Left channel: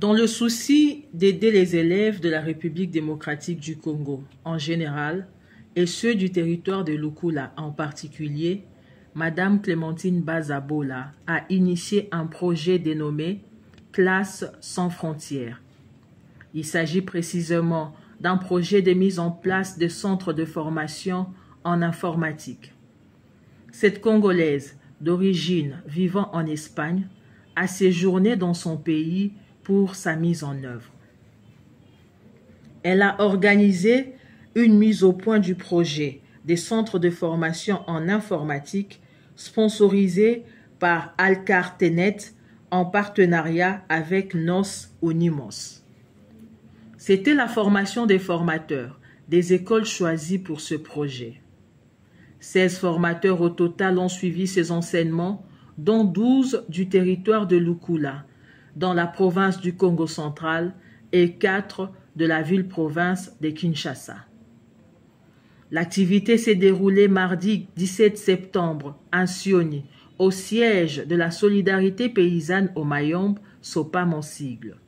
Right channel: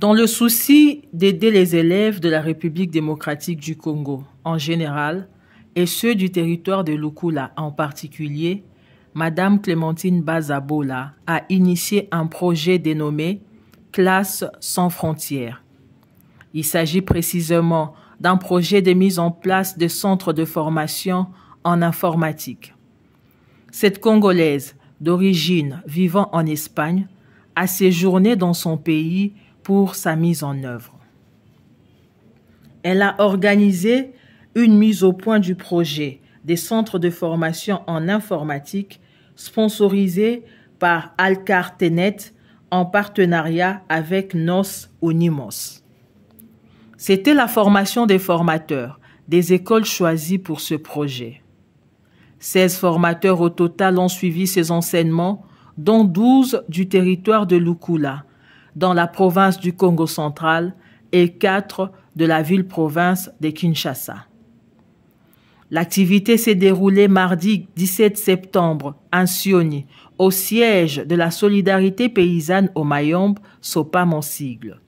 Dans le souci d'aider les élèves de la République démocratique du Congo en général et ceux du territoire de Lukula en particulier, Madame Clémentine Bazabola a initié un projet dénommé « Classe sans frontières ». Il s'agit précisément d'un projet de mise en place de centres de formation en informatique. Cette Congolaise d'origine vivant en Espagne a séjourné dans son pays pour sa mise en œuvre. Elle a organisé une mise au point du projet des centres de formation en informatique sponsorisés par Alcartenet en partenariat avec Nos Unimos. C'était la formation des formateurs des écoles choisies pour ce projet. 16 formateurs au total ont suivi ces enseignements, dont 12 du territoire de Lukula, dans la province du Congo central, et 4 de la ville-province de Kinshasa. L'activité s'est déroulée mardi 17 septembre à Nsioni, au siège de la Solidarité paysanne au Mayombe, SOPAM en sigle.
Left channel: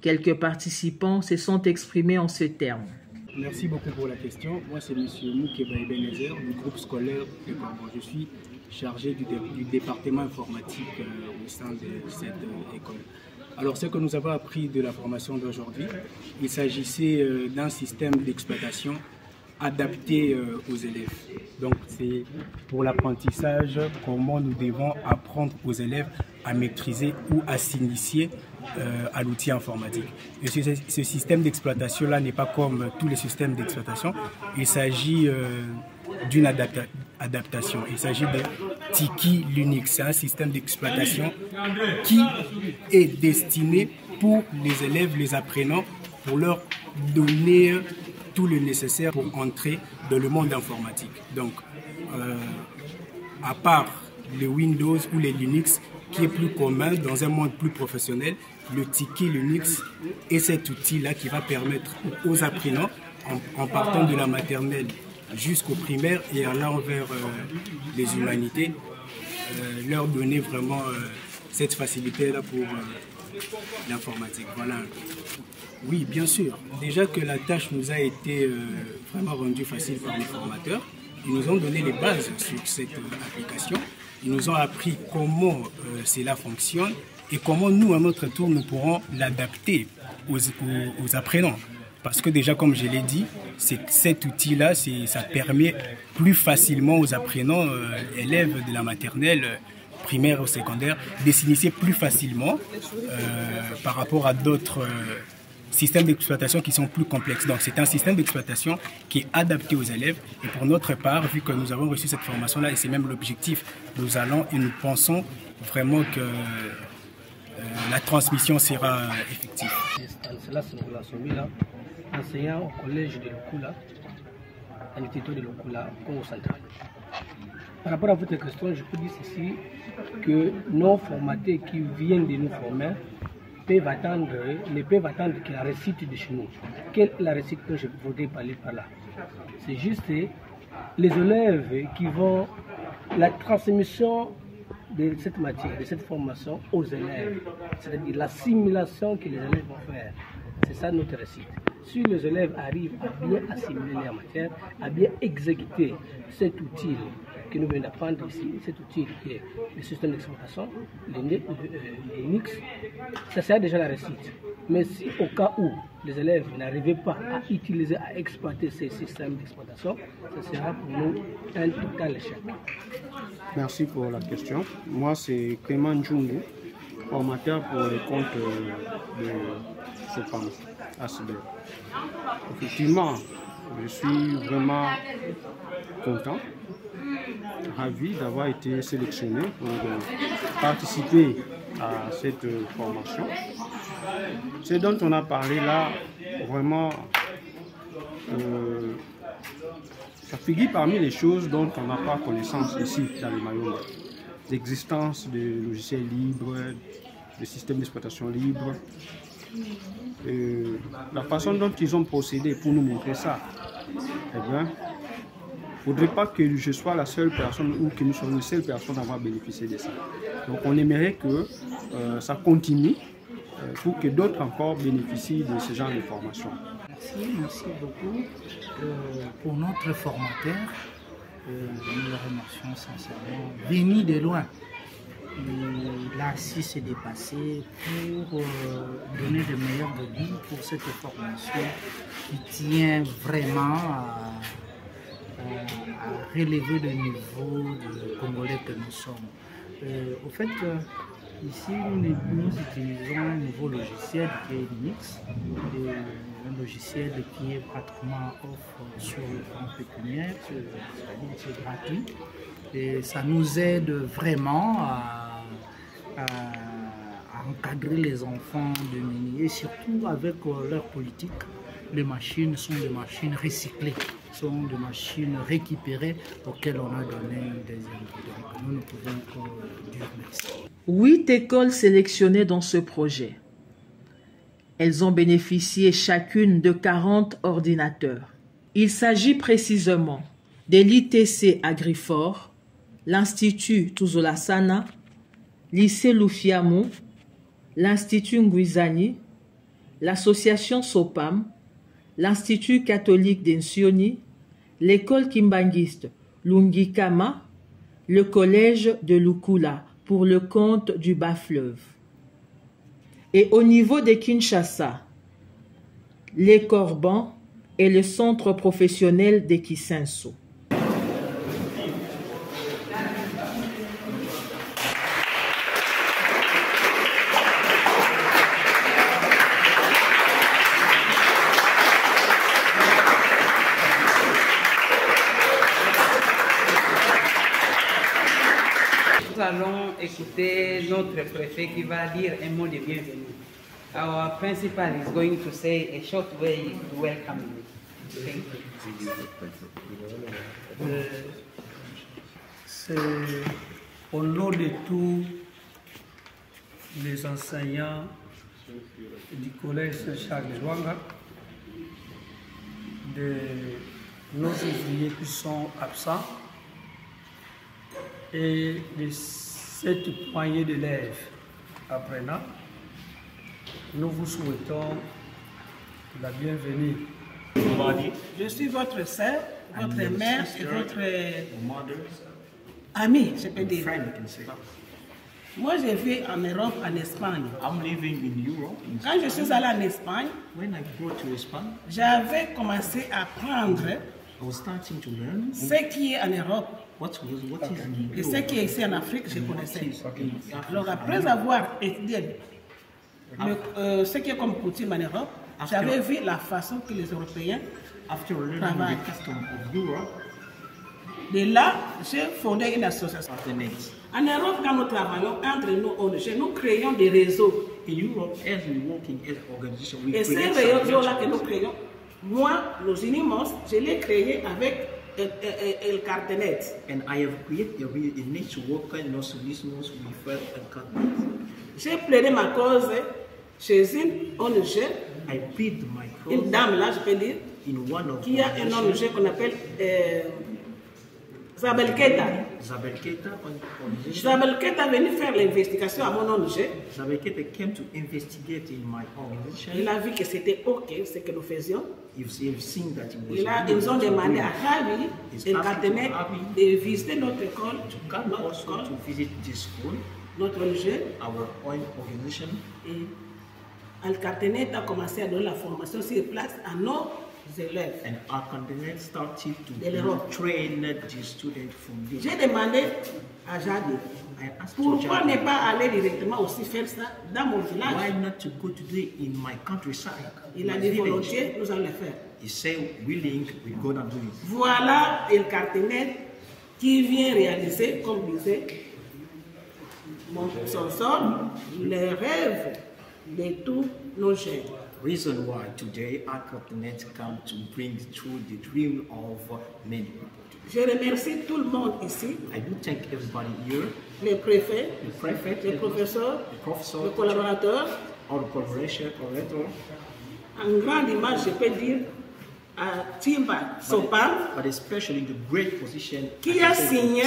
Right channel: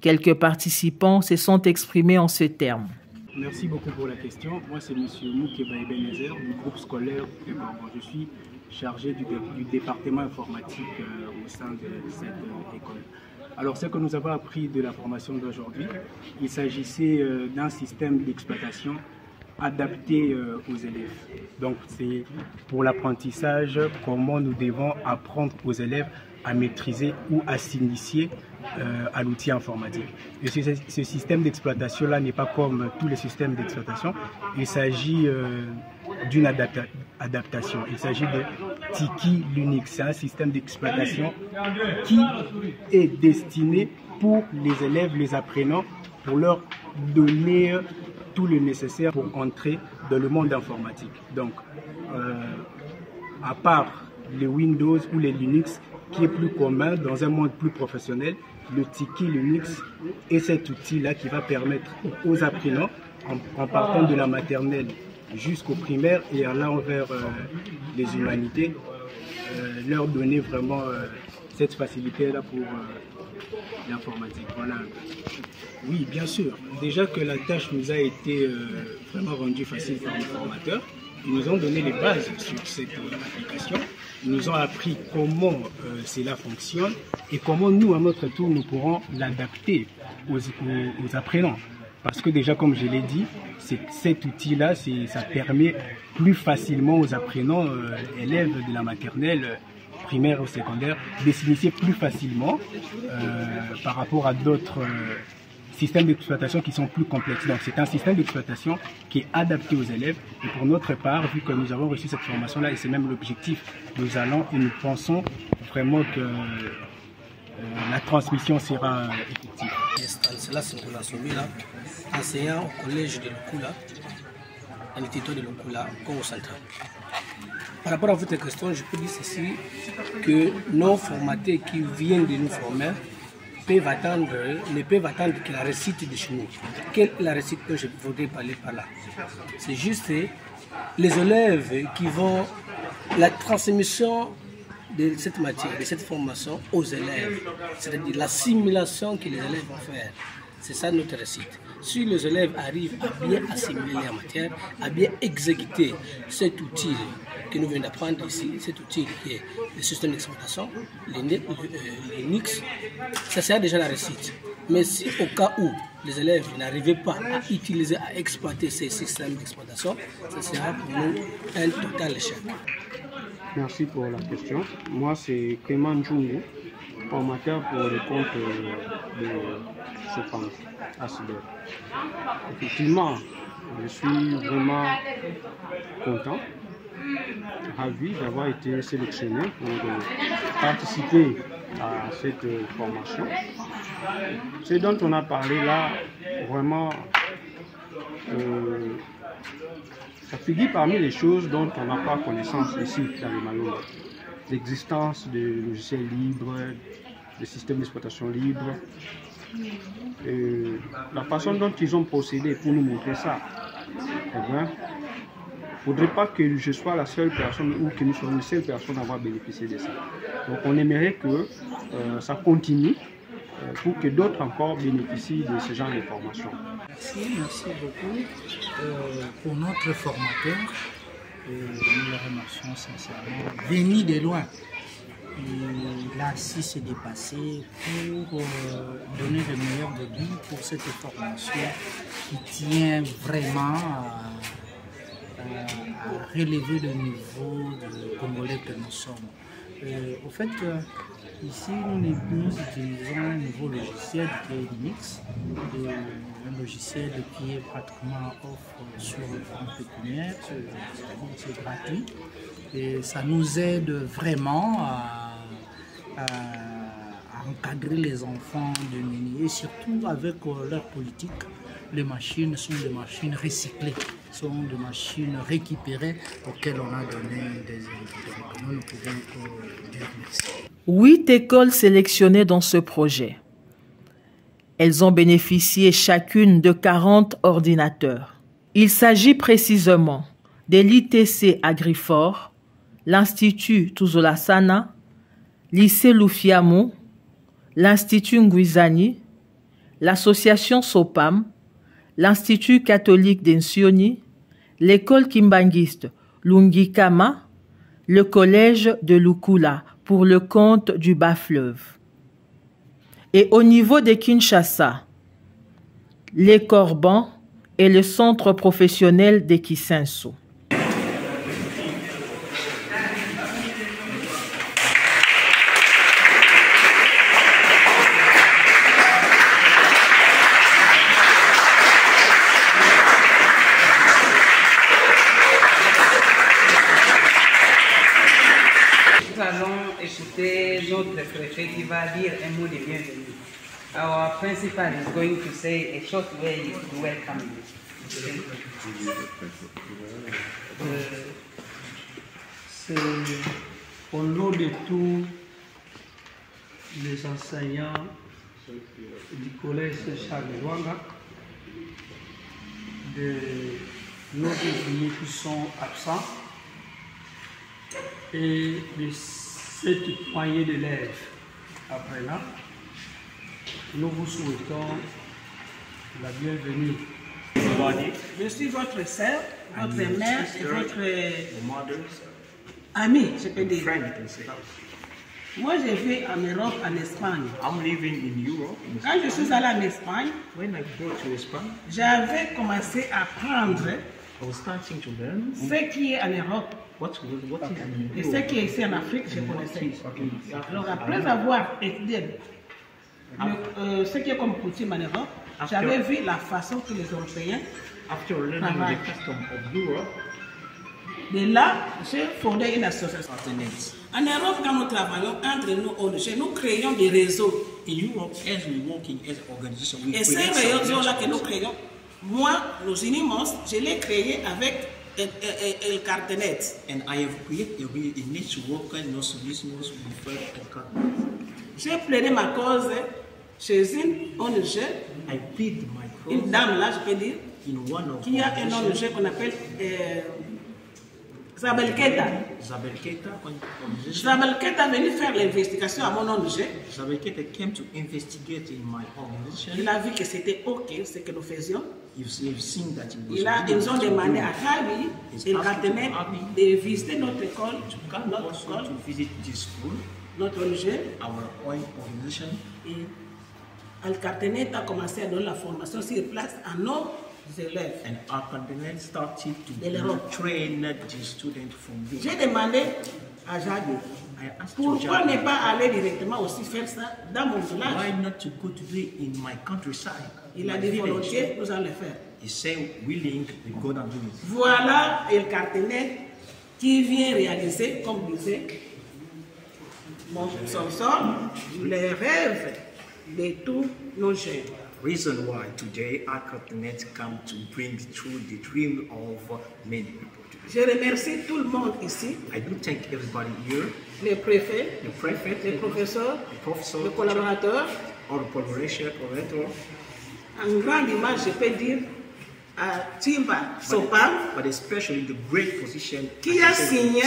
Quelques participants se sont exprimés en ces termes. Merci beaucoup pour la question. Moi, c'est M. Moukeba Ebenezer du groupe scolaire de Gorgon. Je suis chargé du département informatique au sein de cette école. Alors, ce que nous avons appris de la formation d'aujourd'hui, il s'agissait d'un système d'exploitation adapté aux élèves. Donc, c'est pour l'apprentissage, comment nous devons apprendre aux élèves à maîtriser ou à s'initier à l'outil informatique. Et ce système d'exploitation-là n'est pas comme tous les systèmes d'exploitation. Il s'agit d'une adaptation. Il s'agit de Tiki Linux. C'est un système d'exploitation qui est destiné pour les élèves, les apprenants, pour leur donner tout le nécessaire pour entrer dans le monde informatique. Donc, à part le Windows ou les Linux, qui est plus commun dans un monde plus professionnel, le Tiki Linux est cet outil-là qui va permettre aux apprenants, en partant de la maternelle jusqu'au primaire et allant vers les humanités, leur donner vraiment cette facilité-là pour l'informatique. Voilà. Oui, bien sûr. Déjà que la tâche nous a été vraiment rendue facile par les formateurs, ils nous ont donné les bases sur cette application. Ils nous ont appris comment cela fonctionne et comment nous, à notre tour, nous pourrons l'adapter aux apprenants. Parce que déjà, comme je l'ai dit, cet outil-là, ça permet plus facilement aux apprenants, élèves de la maternelle, primaire ou secondaire, de s'initier plus facilement par rapport à d'autres systèmes d'exploitation qui sont plus complexes. Donc c'est un système d'exploitation qui est adapté aux élèves. Et pour notre part, vu que nous avons reçu cette formation-là, et c'est même l'objectif, nous allons et nous pensons vraiment que la transmission sera effective. Stanislas Ngoula, enseignant au collège de Lukula, à l'Institut de Lukula, Congo central. Par rapport à votre question, je peux dire ceci, que nos formateurs qui viennent de nous former ne peuvent attendre que la réussite de chez nous. Quelle est la réussite que je voudrais parler par là? C'est juste les élèves qui vont, la transmission de cette matière, de cette formation aux élèves, c'est-à-dire l'assimilation que les élèves vont faire. C'est ça notre réussite. Si les élèves arrivent à bien assimiler la matière, à bien exécuter cet outil que nous venons d'apprendre ici, cet outil qui est le système d'exploitation, Linux, ça sera déjà la réussite. Mais si au cas où les élèves n'arrivaient pas à utiliser, à exploiter ces systèmes d'exploitation, ça sera pour nous un total échec. Merci pour la question. Moi, c'est Clément Djungu, formateur pour le compte de SOPAM, ACD. Effectivement, je suis vraiment content, ravi d'avoir été sélectionné pour participer à cette formation. Ce dont on a parlé là, vraiment, ça figure parmi les choses dont on n'a pas connaissance ici dans le Mayombe. L'existence de logiciels libres, des systèmes d'exploitation libres, la façon dont ils ont procédé pour nous montrer ça. Eh bien, il ne faudrait pas que je sois la seule personne ou que nous soyons les seules personnes à avoir bénéficié de ça. Donc on aimerait que ça continue pour que d'autres encore bénéficient de ce genre de formation. Merci beaucoup pour notre formateur. Nous le remercions sincèrement. Venu de loin, il a su se dépasser pour donner le meilleur de lui pour cette formation qui tient vraiment à relever le niveau de Congolais que nous sommes. Au fait, ici, nous utilisons un nouveau logiciel qui est Linux, un logiciel qui est pratiquement offre sur le plan pécuniaire, c'est-à-dire c'est gratuit. Et ça nous aide vraiment à encadrer les enfants de Méni et surtout avec leur politique. Les machines sont des machines recyclées, sont des machines récupérées auxquelles on a donné des ingrédients. Nous ne pouvons que dire merci. 8 écoles sélectionnées dans ce projet. Elles ont bénéficié chacune de 40 ordinateurs. Il s'agit précisément de l'ITC Agrifort, l'Institut Tuzolasana, lycée Lufiamo, l'Institut Nguizani, l'association Sopam, l'Institut catholique d'Ensioni, l'école kimbanguiste Lungikama, le collège de Lukula pour le compte du Bas-Fleuve. Et au niveau de Kinshasa, les Corbans et le centre professionnel de Kisenso. Écouter notre préfet qui va dire un mot de bienvenue. Our principal is going to say a short way to welcome you. C'est au nom de tous les enseignants du collège Saint-Charles de Luanga, de nos ouvriers qui sont absents et de cette poignée d'élèves apprenants, nous vous souhaitons la bienvenue. Je suis votre sœur, votre mère et votre amie, je peux dire. Moi, j'ai fait en Europe, en Espagne. Quand je suis allée en Espagne, j'avais commencé à apprendre ce qui est en Europe. Et ce qui est ici en Afrique, je connaissais. Alors après avoir étudié ce qui est comme coutume en Europe, j'avais vu la façon que les Européens travaillent. De là, j'ai fondé une association. En Europe, quand nous travaillons entre nous, nous créons des réseaux. Et ces réseaux-là que nous créons, moi, los Unimos, je l'ai créé avec El Cartenet. And I have created a network and also listeners with El Cartenet. J'ai plaidé ma cause chez une ONG, une dame là, je peux dire, qui a une ONG qu'on appelle Zabel Keita. Zabel Keita est venu faire l'investigation à mon ONG. Zabel Keita came to investigate in my organization. Il a vu que c'était OK ce que nous faisions. Ils ont demandé à Javi et Cartenet de visiter notre école, notre ONG. Et Al-Cartenet a commencé à donner la formation sur place à nos élèves. And Al-Cartenet started to train the students from this. J'ai demandé à Javi, pourquoi ne pas aller directement aussi faire ça dans mon village? Why not to go to do it in my countryside? Il a dit volontiers, nous allons le faire. He said willing, we go and do it. Voilà El Cartenet qui vient réaliser, comme disait son sort, les rêves de tous nos jeunes. reason why today AlcarTenet come to bring true the dream of many people. Je remercie tout le monde ici. I do thank everybody here. Les préfets, the prefect, les professeurs, les collaborateurs. All the collaborators. En grande image, je peux dire à Timba Sopa, but especially the great position qui a signé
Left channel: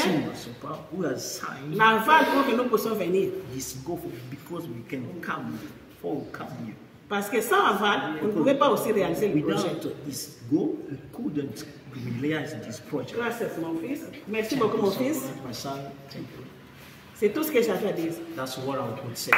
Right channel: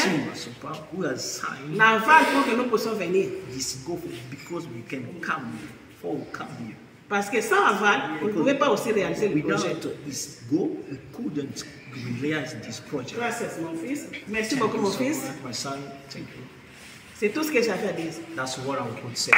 who has signed l'aval pour que nous puissions venir. This go because we can come here. Parce que sans aval, on ne pouvait pas aussi réaliser le projet. Without this go, we couldn't realize this project. Gracias, mon fils. Merci beaucoup, mon fils. My son, thank you. C'est tout ce que j'avais à dire. That's what I would say.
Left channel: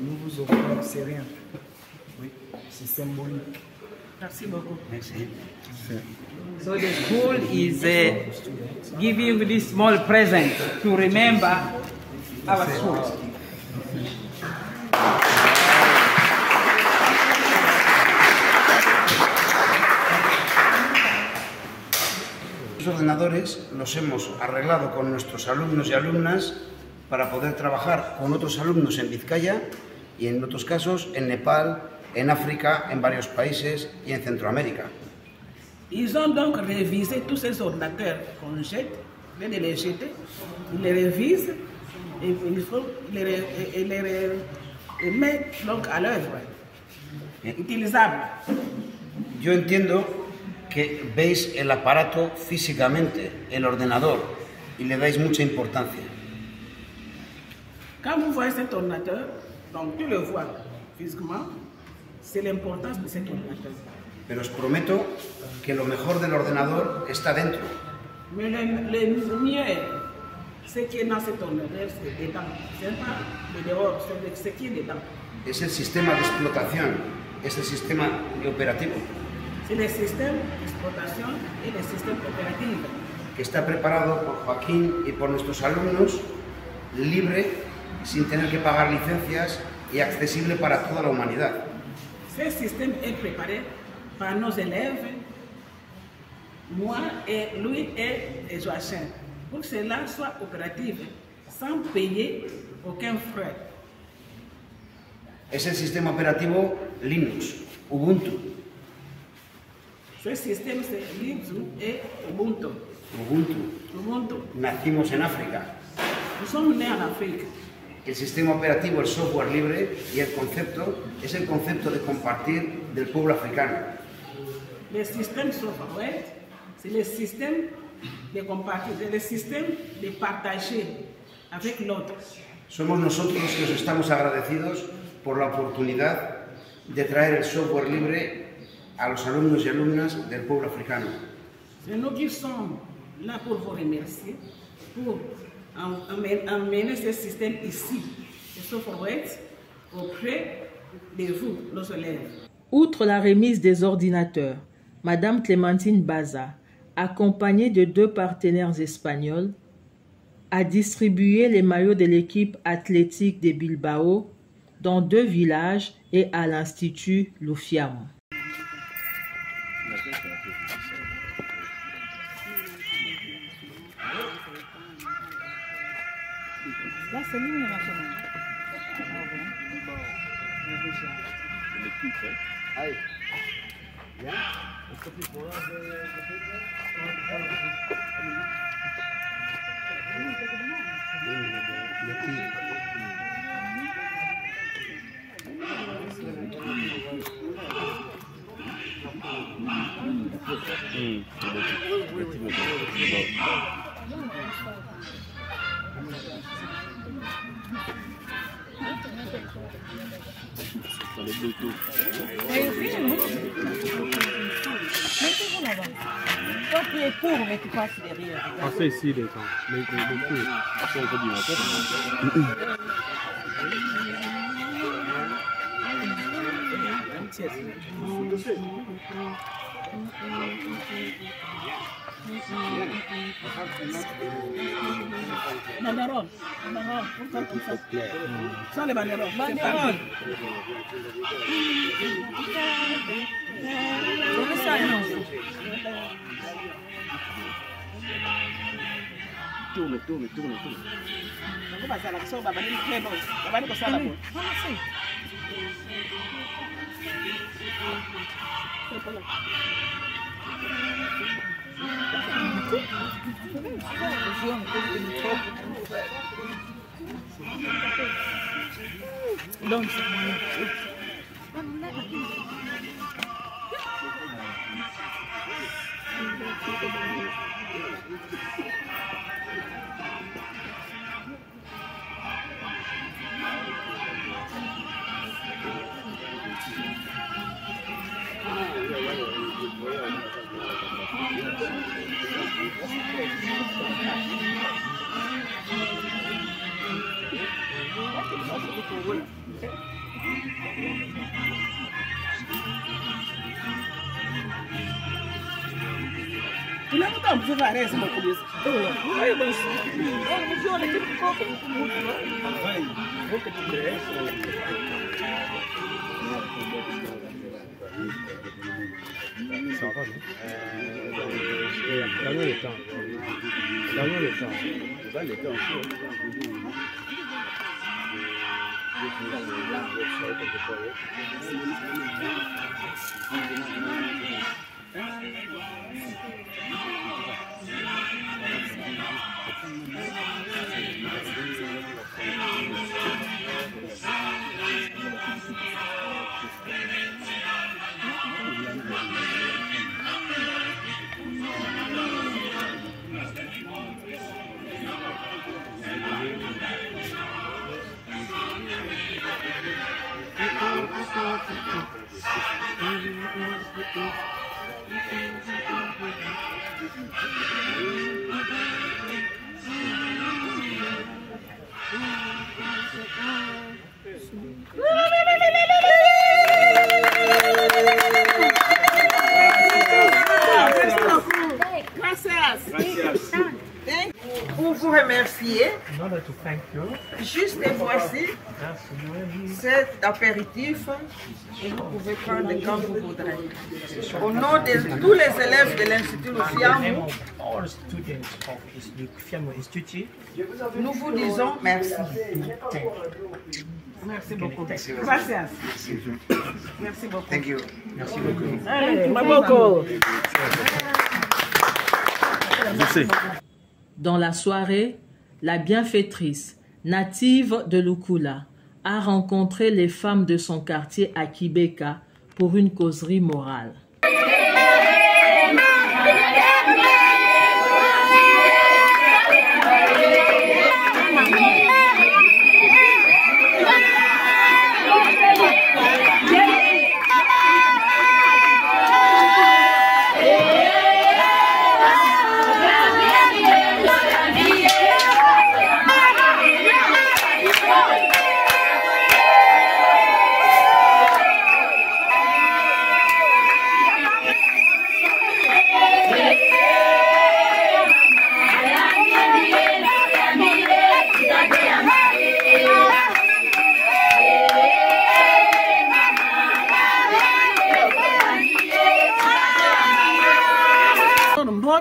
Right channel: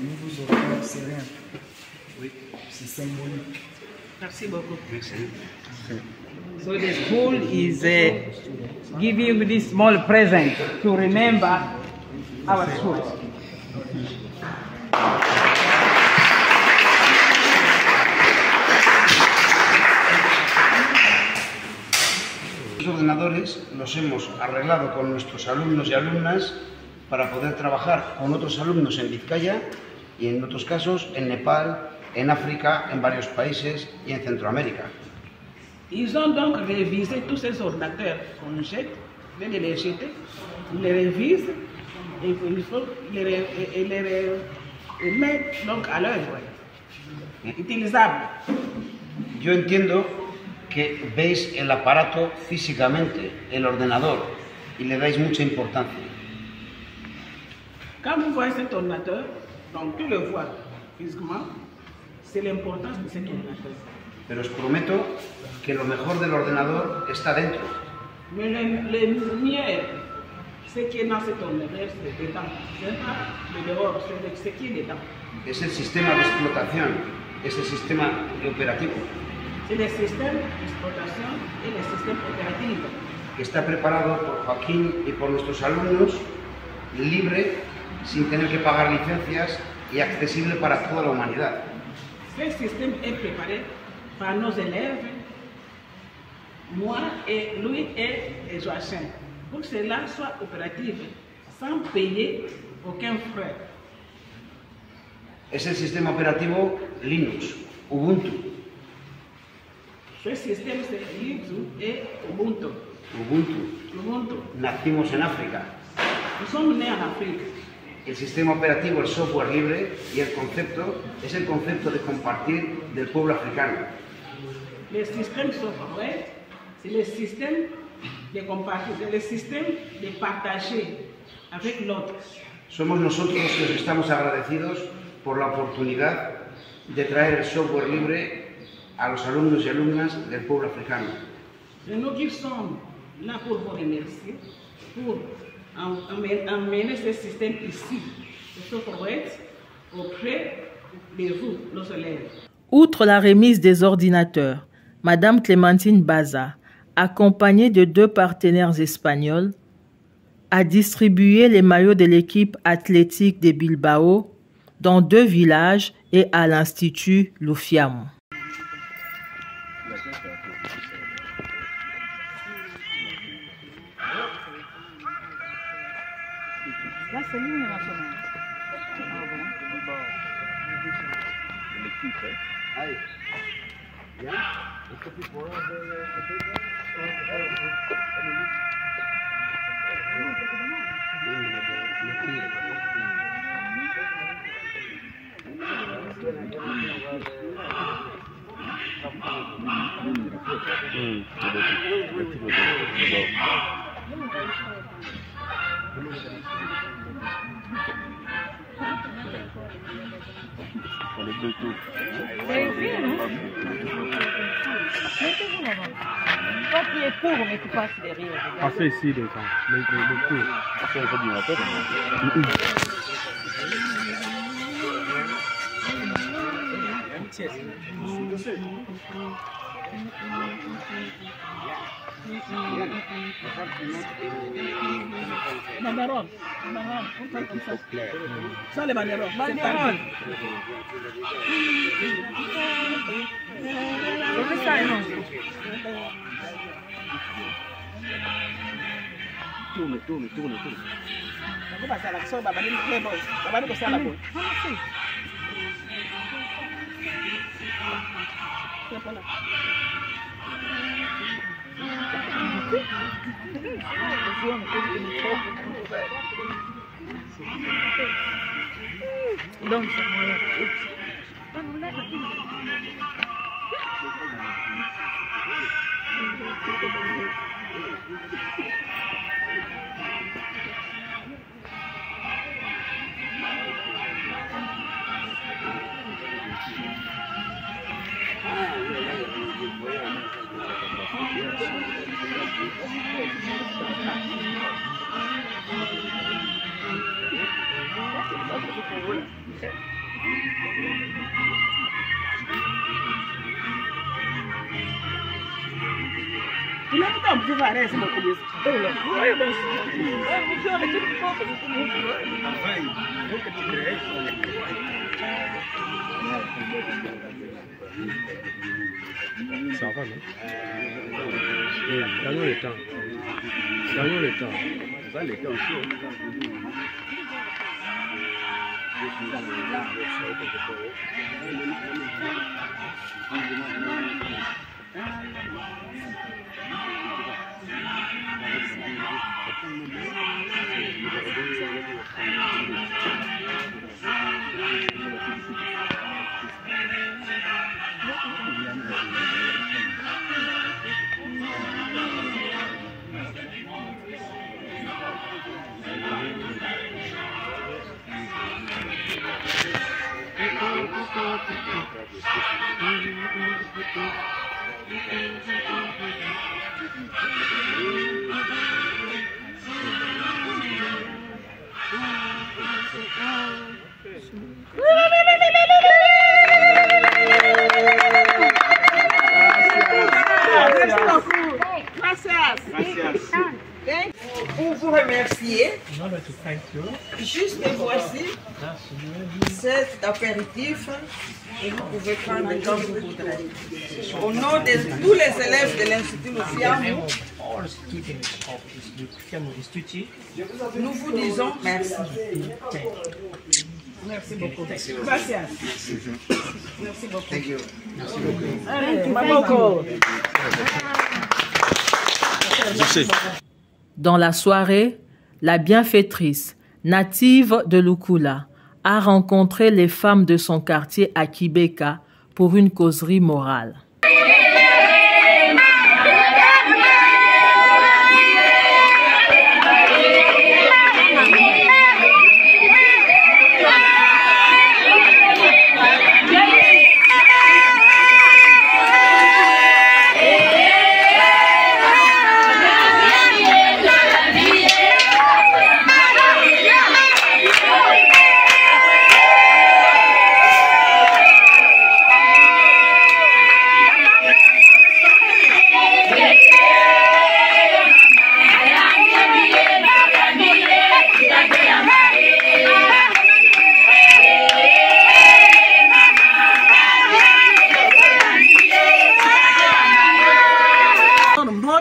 Nous vous offrons, c'est rien. Oui, c'est symbolique. Merci beaucoup. Merci. So the school is giving this small present to remember our school. Los ordenadores los hemos arreglado con nuestros alumnos y alumnas para poder trabajar con otros alumnos en Vizcaya y en otros casos en Nepal, en África, en varios países y en Centroamérica. Ils ont donc révisé tous ces ordinateurs qu'on jette, les jeter, ils les révisent et il faut les mettre donc à l'œuvre, utilisables. Yo entiendo que veis el aparato físicamente, el ordenador, y le dais mucha importancia. Quand vous voyez cet ordinateur, donc tu le vois physiquement, c'est l'importance de cet ordinateur. Pero os prometo que lo mejor del ordenador está dentro. Mais le mieux, ce qui est dans cet ordinateur, c'est dedans. Ce n'est pas le dehors, c'est ce qui est dedans. Es el sistema de explotación, es el sistema operativo. C'est le système d'exploitation et le système opératif. Que está preparado por Joaquín y por nuestros alumnos, libre, sin tener que pagar licencias y accesible para toda la humanidad. Ce système est préparé par nos élèves, moi et lui et Joachim, pour que cela soit opératif, sans payer aucun frais. Es el sistema operativo Linux, Ubuntu. Ce système c'est Linux et Ubuntu. Ubuntu. Nacimos en África. Nous sommes nés en Afrique. El sistema operativo, el software libre y el concepto es el concepto de compartir del pueblo africano. Le système software, c'est le système de compartir, c'est le système de partager avec l'autre. Somos nosotros los que estamos agradecidos por la oportunidad de traer el software libre a los alumnos y alumnas del pueblo africano. C'est nous qui sommes là pour vous remercier, pour emmener ce système ici, le software, auprès de vous, nos élèves. Outre la remise des ordinateurs, Madame Clémentine Baza, accompagnée de 2 partenaires espagnols, a distribué les maillots de l'équipe athlétique de Bilbao dans 2 villages et à l'Institut Lufiamo. Là, c'est l'hymne national. Ahí. ¿Ya? Esto tipo de Mettez-vous là-bas. Toi, tu es pour, mais tu passes derrière. Ah, c'est ici, les temps. Le coup. Ça, il faut dire la tête. Banderole. Sans les banderoles. Banderole. C'est ça, non? Tourne. On va passer à l'action, on va aller très bon. On va aller passer à la bonne. Donc, il a tout un petit varé, c'est mon colis. Oui, bon. Ça va, non? Gagnez le temps. Gagnez le temps. Vous avez le temps aussi. Merci beaucoup. Gracias. Pour vous remercier, juste voici cet apéritif et vous pouvez prendre quand vous voudrez. Au nom de tous les élèves de l'Institut Lufiamou, nous vous disons merci. Merci beaucoup. Gracias. Merci beaucoup. Thank you. Merci beaucoup. Dans la soirée, la bienfaitrice, native de Lukula, a rencontré les femmes de son quartier à Kibeka pour une causerie morale.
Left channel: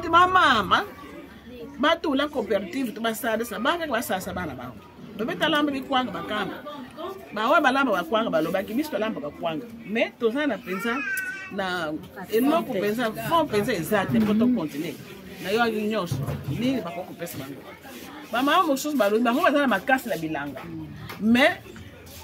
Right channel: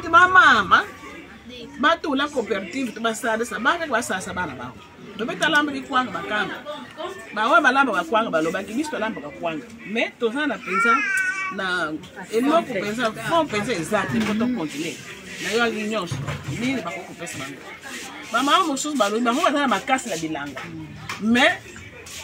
Mama, batu la coopérative tu basada sa bana kwa sasa bana bao. Tobeta lamba ki kwanga bakamba. Bawa balamba bakwanga balobaki biso lamba bakwanga. Mais toza na pensa na eloko pensa fond pensa exact pour to continuer. Na yo nyonso nini bakoko pesa bango. Mama mosusu balobi bango bazana makasi la bilanga. Mais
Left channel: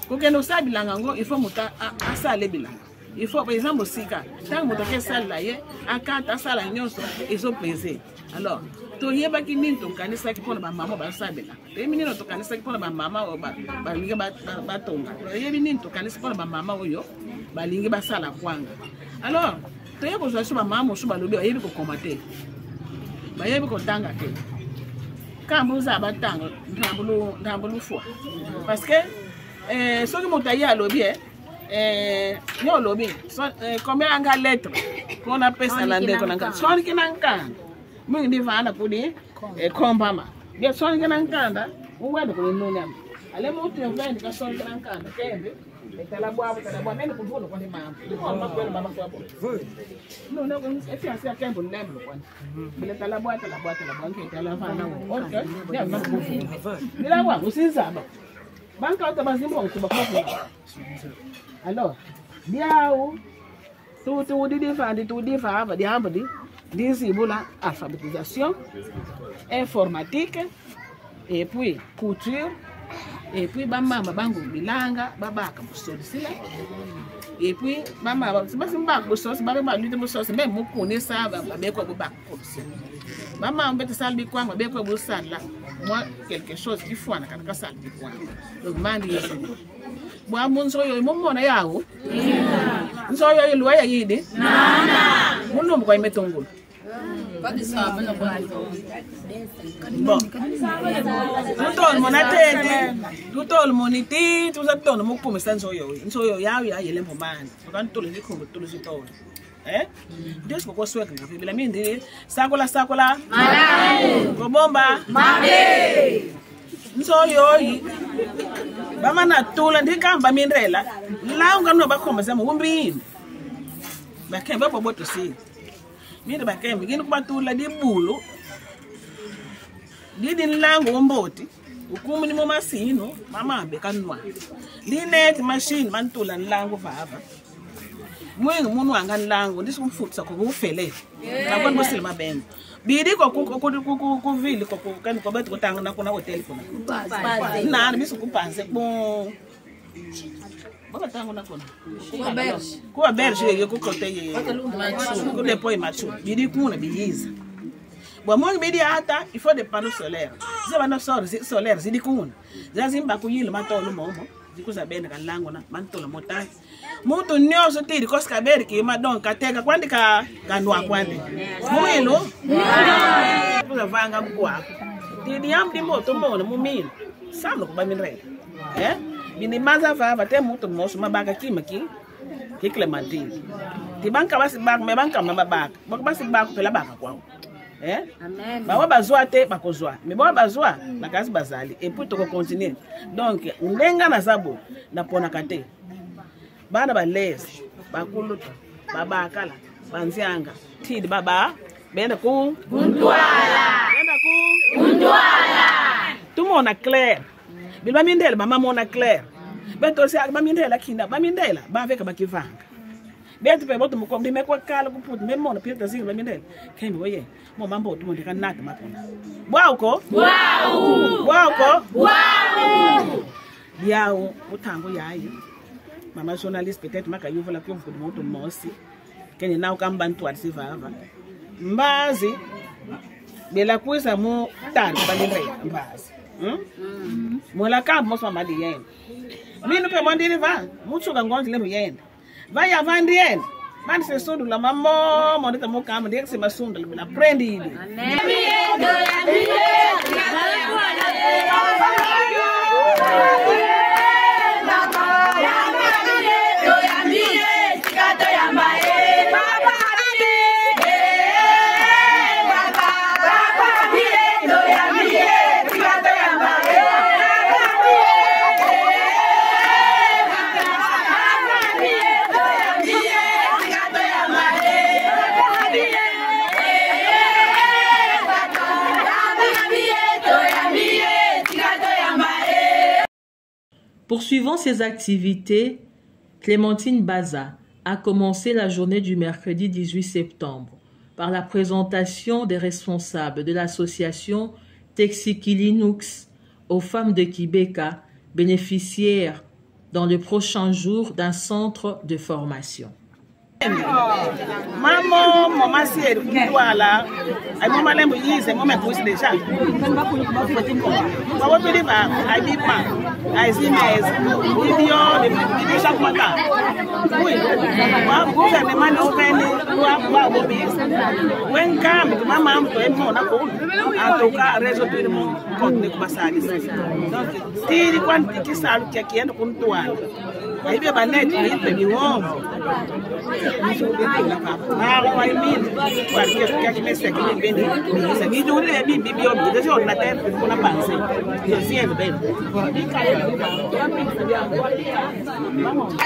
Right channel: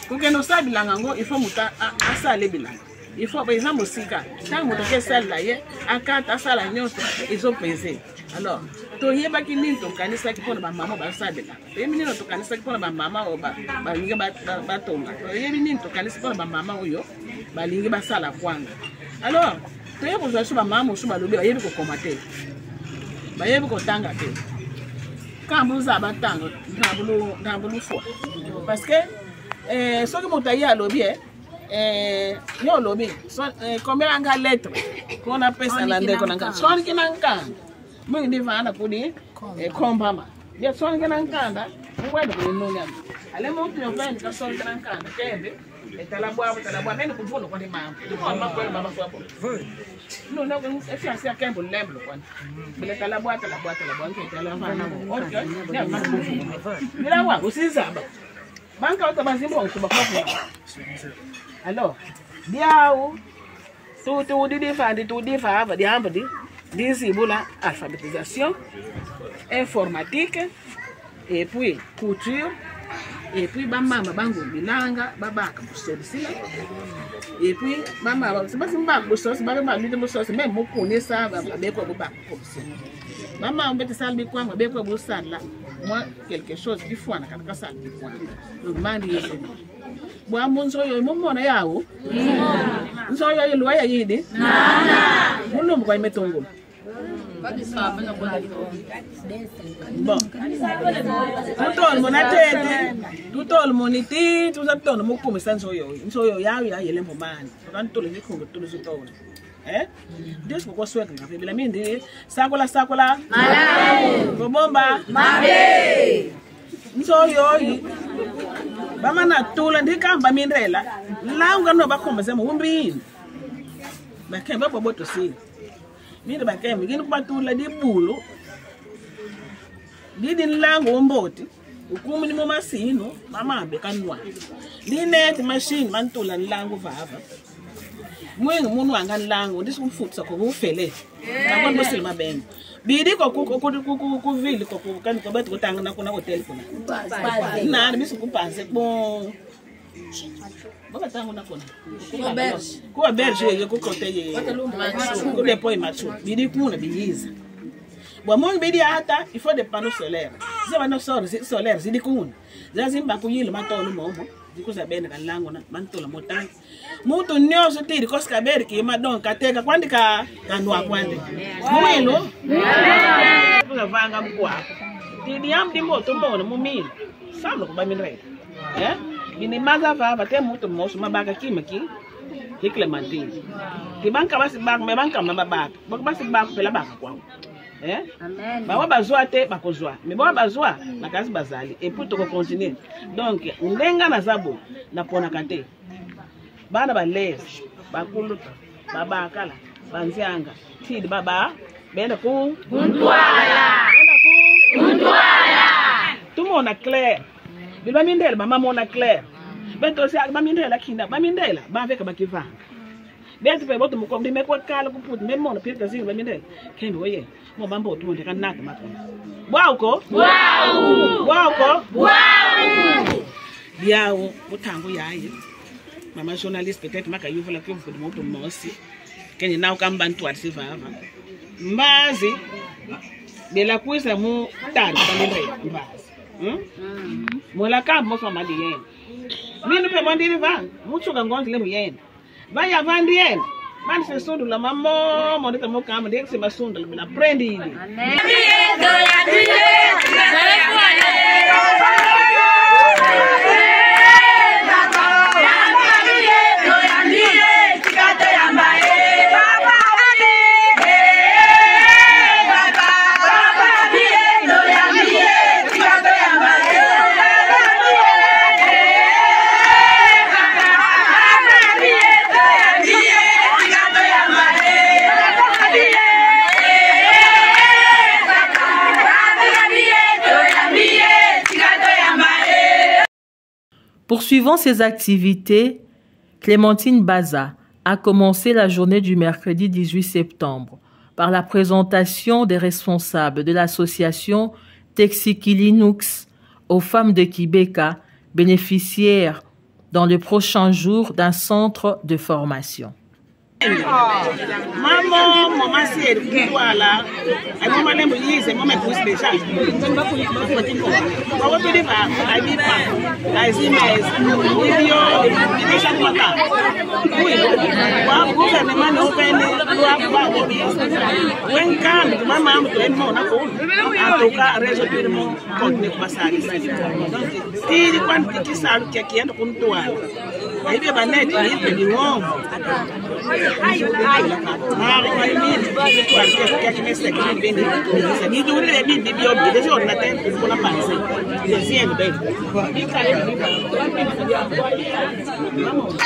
kokendo sa bilanga ngo il faut muta asale bilanga. Il faut par exemple sika tant muta ke sale la ye akata asala nyonso ils ont pesé. Alors to yeba ki nini to kanisa ki pona ba mama ba sabela. Yebi nini to kanisa ki pona ba mama o ba lingi ba tonga. Yebi nini to kanisa pona ba mama oyo ba lingi ba sala kwanga. Alors to yeba zo ba mama so ba lobi yebi ko komate. Ba yebi ko tanga te. Quand vous avez tant dans le foie parce que ce que mon taillé a lobby yo lobby combien anga lettre qu'on appelle ça l'ande qu'on anga son qui n'anga moi il devant la pour dire combat bien son qui n'anga da on va de non non allez monter on va dire son qui n'anga kembe talabwa même pour vous le connaît ma baba quoi non non c'est fiancé à kembe lemble quoi mais talabwa qui talabwa OK bila wa usizaba banka utabazimbo kubakopa alors biao tout défendre va dire la alphabétisation informatique et puis couture et puis maman bango bilanga babaka busodisila et puis maman c'est pas simba busos baba lutte busos même mo connaissa babeko babaka maman mbete salbi kwanga babeko busala moi quelque chose qui faut na katika salbi kwanga donc mandi yeso bwa munzo yo momona yawo nzo yo ilwa ya yidi nana munum kwa imetongolo bon tout le monde a tête tout le monde dit tout ça tout le monde comme ça nzo yo ya yele mbomani quand tout le zikhongo tout le zitolo Dios kwa sweka ngapi bila mimi ndi sakola malai ngobomba mambe nzo yo bama na tula ndikamba mindrela la ungano bakhomba sema umbini bakemba boboto si miri bakemba ngini kubatula dibulu didi nlango omboti ukumi ni momasino mamambe kanwa linet machine mantula nlango vava mwengu munu anga nlango ndisimfutsa ko ufele nakona bosile mabengo bidi ko vile ko kan ko beto tanga na kuna hotel kuna na bisu kupanse bon baba tanga na kuna ko berge ye ko kote ye ko depois machu bidi kuna biyiza bo mo bidi ata il faut des panneaux solaires ze bana solaires zidi kuna zazimba kuyilo matolo momo zikuza bene kan lango na mantola motangi mutu nyoso tiri koska berki madon kateka kwandika kanwa kwande mumilo kuza vanga mkwa tiri amdi moto mbona mumilo samlo kuba minre bini maza va te mutu moso mabaka kimaki Clementine tibanka basi bak me banka mabaka basi bak pela baka kwao amen ba bazwa te bakozwa me ba bazwa na kasi bazali et puis to continuer donc ndenga na zabo na pona kate bana balezi bakuluta babakala banzianga thidi baba benda ku untwala tumona clair bilba mindela mama mona clair bento se ba mindela kinda ba mindela ba veka bakivanga betu pe boto mukomdi mekwa kala kuputi memona pita zinga ba mindela kembe oye mo mambo tumonde kanaka matona bwauko biao utango yaye mama journaliste peut-être maka yuvola que vous de mosi kenya na ukambantu atisivava mbazi bela kuisa mu tari bandire mbazi mola ka moso mali yen minu pe mondiri va muchuka ngonzi le muyen va ya vandien man se sundu la mamo mondita mo kam de se masunda la prendi amen Chicago Poursuivant ses activités, Clémentine Baza a commencé la journée du mercredi 18 septembre par la présentation des responsables de l'association Texikilinux aux femmes de Kibeka, bénéficiaires dans les prochains jours d'un centre de formation. Maman, maman, si elle voilà, elle m'a demandé si elle m'a poussé déjà. Maman peut dire pas, elle dit pas, elle dit mais il dit chaque matin. Oui, moi gouvernement ne ouvre loi pas obéir. When come, maman me doit mon accord. En tout cas, résoudre mon compte de passage. Donc, si quand qui ça qui est dans compte toi. Aí vem a net, aí vem o homem. Ah, vai vir, tu aqui que me segue bem, isso aqui do ele bem bibio, deixa eu na terra com na pança. Eu sei bem. Vamos.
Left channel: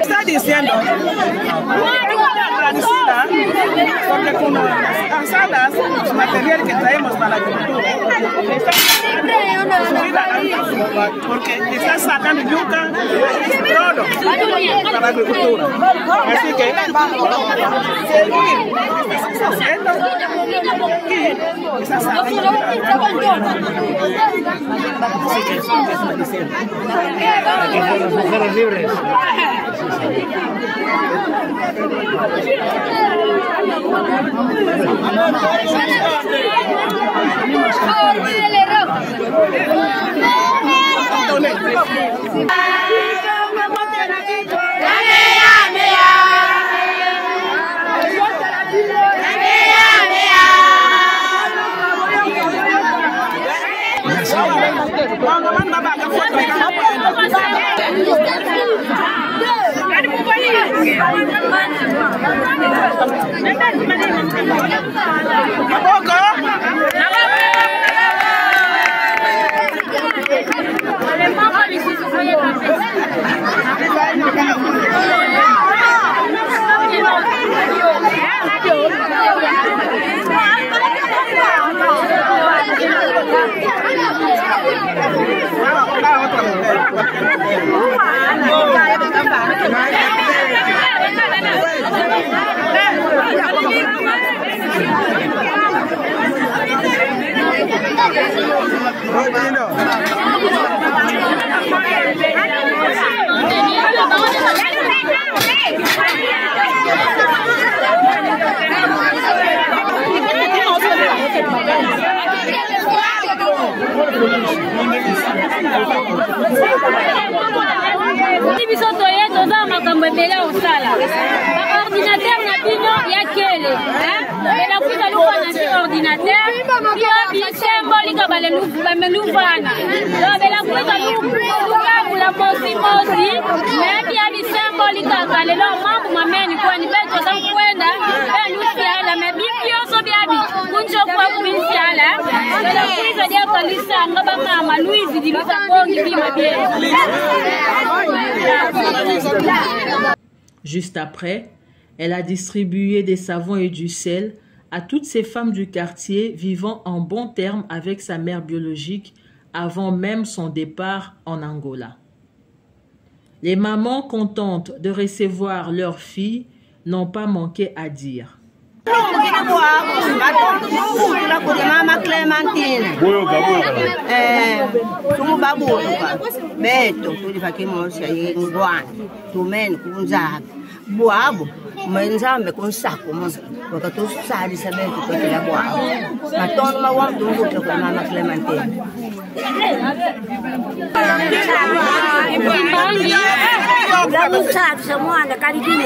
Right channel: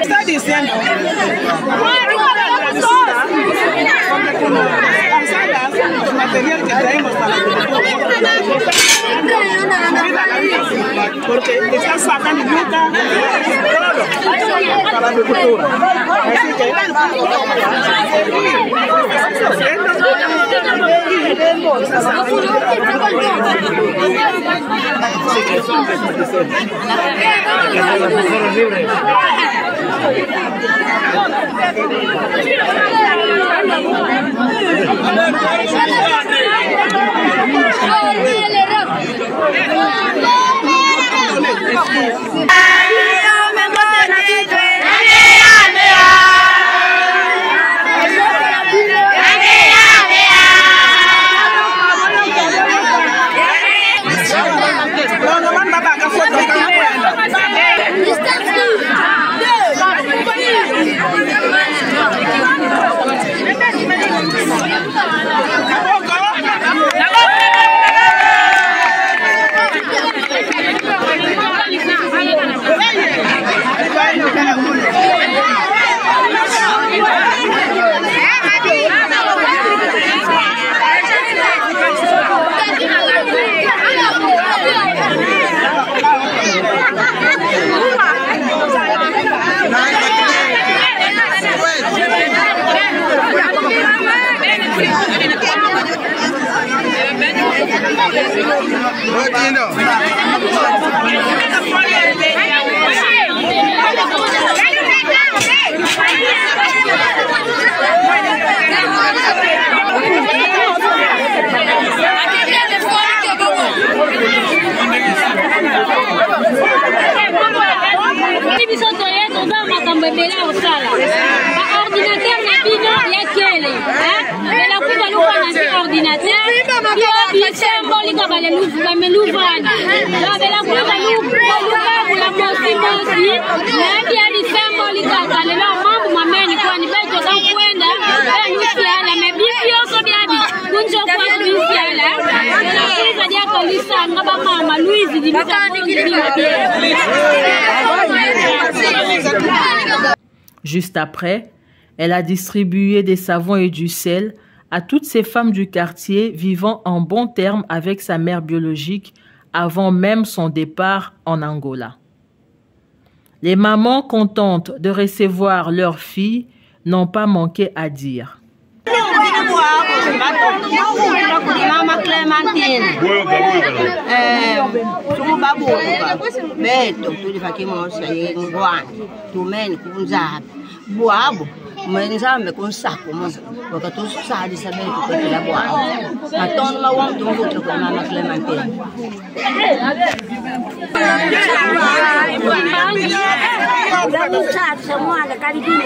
Está diciendo material que traemos para la agricultura porque está sacando yuca para la agricultura, así que ordinateur na bino ya kele la kuza luwa na si ordinateur bio bisembolika bameluvana la kuza luwa la mosi na bia bisembolika kalelo mambo mameni kwani beto kankwenda enusiala mebibio so biabi kunjo kwa kusiala la kuza dia kalisa ngaba mama Louise dilisa bongi bio. Juste après, elle a distribué des savons et du sel à toutes ces femmes du quartier vivant en bons termes avec sa mère biologique avant même son départ en Angola. Les mamans contentes de recevoir leurs filles n'ont pas manqué à dire. Buabo, mwenzambe kunsako wakati usali sabetu kwa kila buabo. Matono mawam tunguto kwa mama Clementine. Dani sasa mwana karibini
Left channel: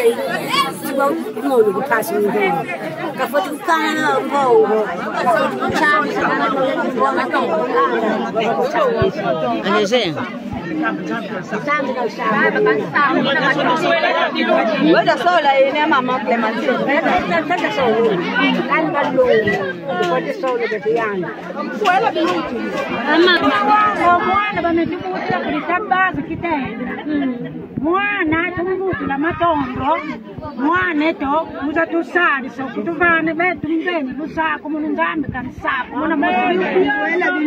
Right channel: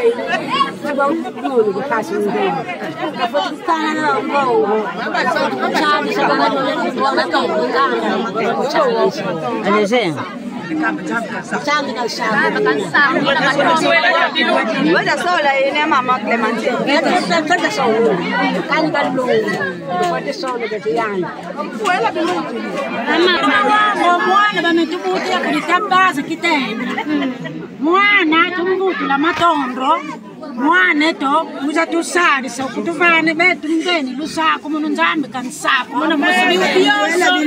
siba mulu kupasi ngoma. Kafoti kana ngo. Kafoti kuchawi sakana ngoma kana kuchawi. Alezenga. Wala sola ina mama Clementine. Tata sola. Kan ballo. Kwa sola betiyana. Wala bimuti. Mwana bametumutia kulitambaza kitenda. Mwana tumvutula matondo. Mwana to uza tusali so kutuvane betu ngeni lusako muno nzambe kansako muna mosibi ubioso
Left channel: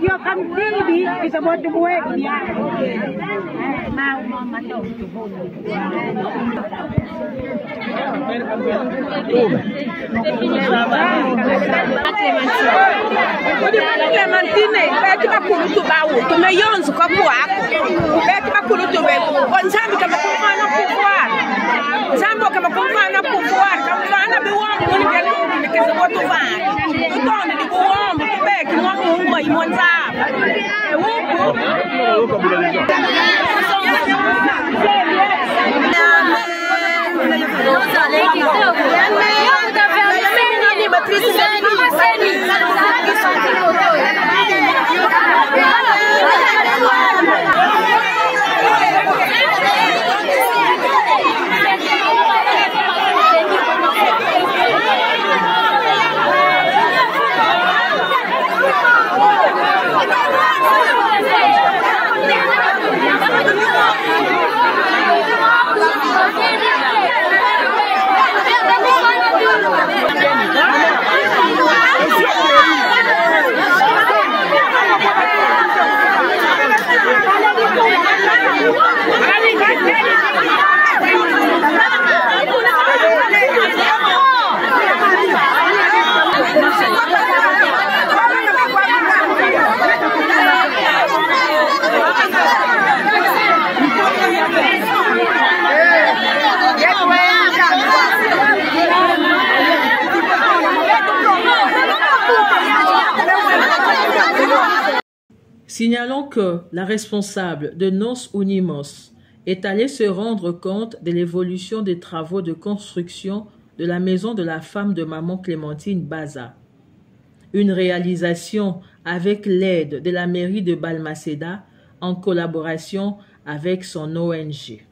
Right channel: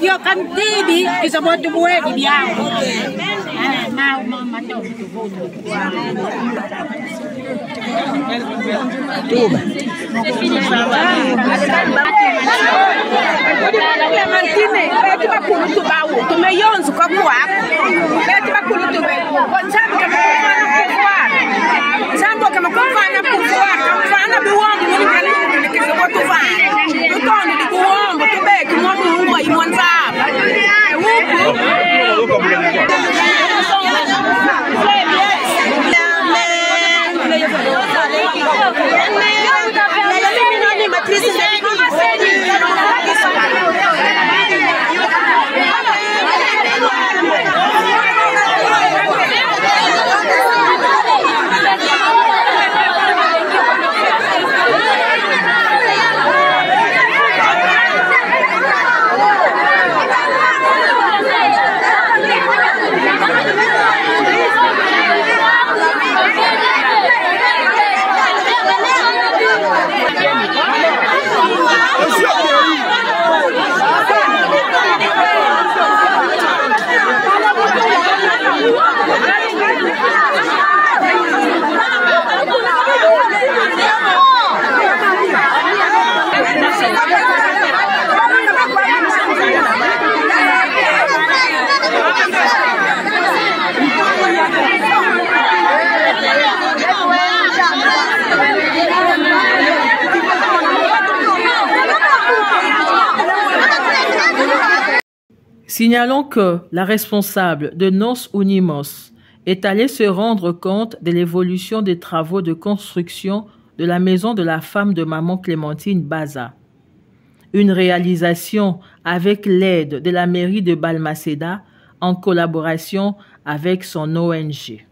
yo kantibi kisabotu buwedi byangu na mama to tuvutu Clementine beti bakulu tubawu tumeyonzu kwa kwako beti bakulu tubeku nzambe kama kufana kufana nzambe kama kufana kufana kama biwambo muni kali nikeze kwa tuvana tutonde dikuwambo tubeki mwamungu imwanzaba huko Signalons que la responsable de Nos Unimos est allée se rendre compte de l'évolution des travaux de construction de la maison de la femme de maman Clémentine Baza. Une réalisation avec l'aide de la mairie de Balmaceda en collaboration avec son ONG.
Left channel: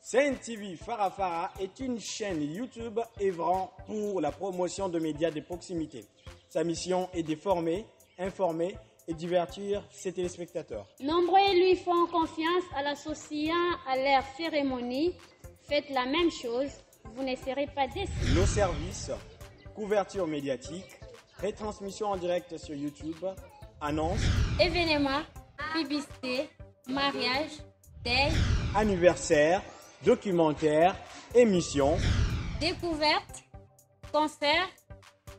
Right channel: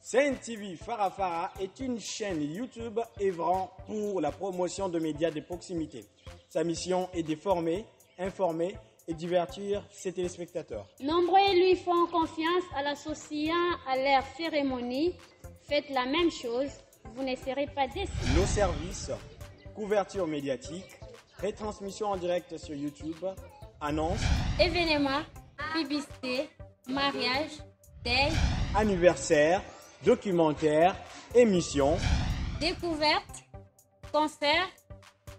Sen TV Farafara est une chaîne YouTube œuvrant pour la promotion de médias de proximité. Sa mission est de former, informer et divertir ses téléspectateurs. Nombreux lui font confiance en l'associant à leur cérémonie. Faites la même chose, vous ne serez pas déçus. Nos services, couverture médiatique, retransmission en direct sur YouTube, annonces, événements, publicité, mariage, deuil, anniversaire, documentaires, émissions, découvertes, concerts,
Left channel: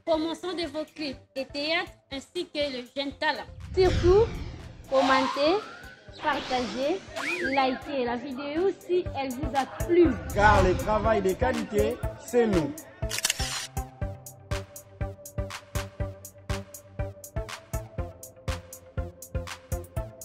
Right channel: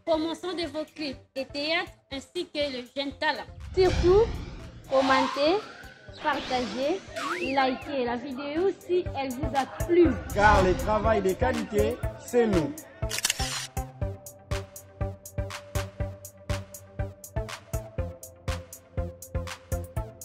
promotion de vos clips et théâtres ainsi que le jeune talent. Surtout, commentez, partagez, likez la vidéo si elle vous a plu. Car le travail de qualité, c'est nous.